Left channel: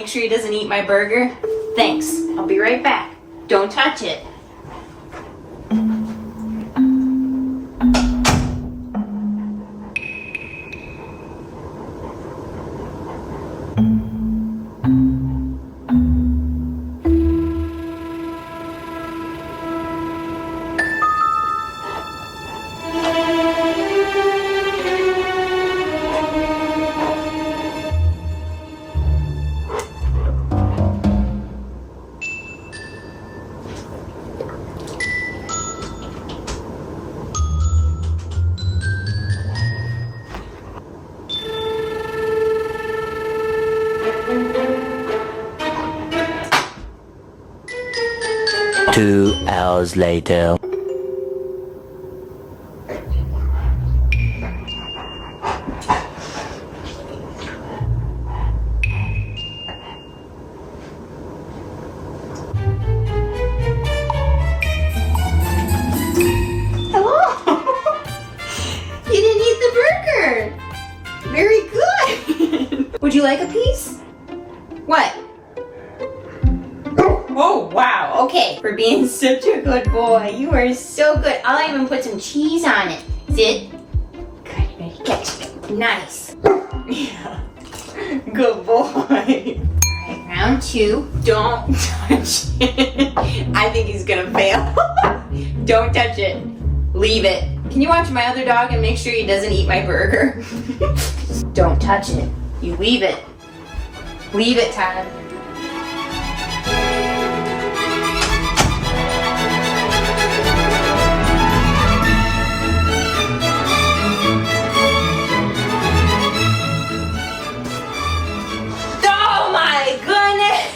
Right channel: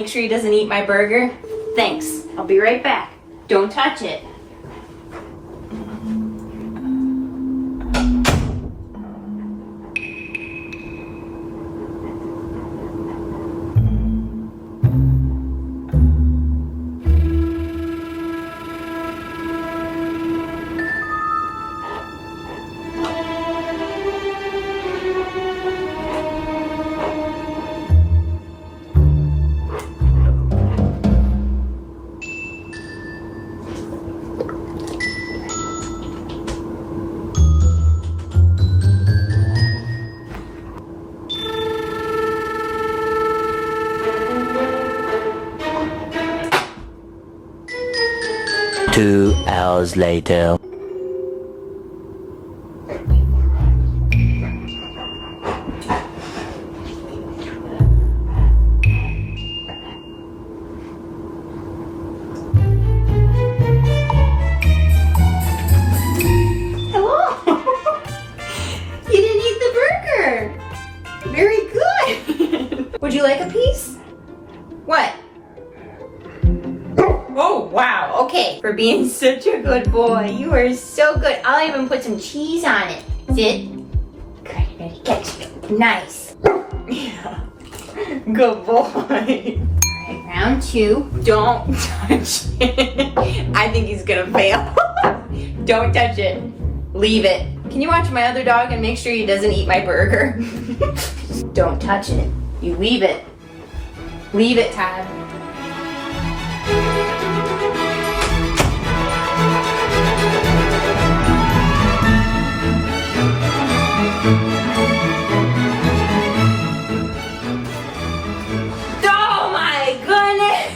Make sure he doesn't eat my burger. Thanks. I'll be right back. Don't touch it. Two hours later. Hello. You didn't eat the burger. Very good. Would you like a piece? What? Oh, wow. Okay. For being such a good boy. You are so good. I'll even put some cheese on it. Sit. Good. Ready? Catch it. Nice. Yeah. Good boy. All right, round two. Don't touch it. I think he's gonna fail. Don't touch it. Leave it. Can you watch my other dog and make sure he doesn't eat my burger? Don't touch it. You leave it. Leave it, Todd. Oh my goodness!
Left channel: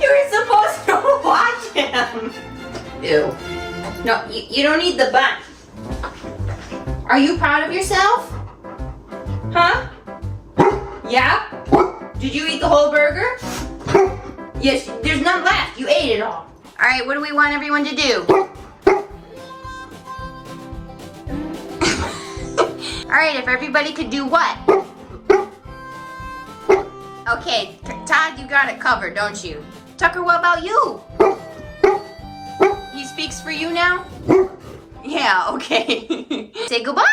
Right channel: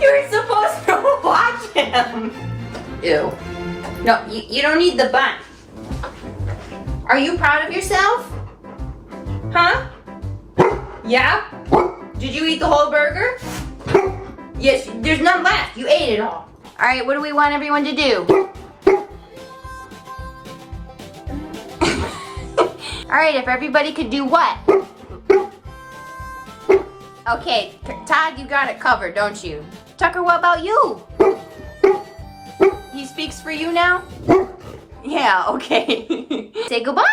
You were supposed to watch him. Ew. No, you don't need the bun. Are you proud of yourself? Huh? Yeah? Did you eat the whole burger? Yes, there's none left. You ate it all. All right, what do we want everyone to do? All right, if everybody could do what? Okay, Todd, you got it covered, don't you? Tucker, what about you? He speaks for you now? Yeah, okay. Say goodbye.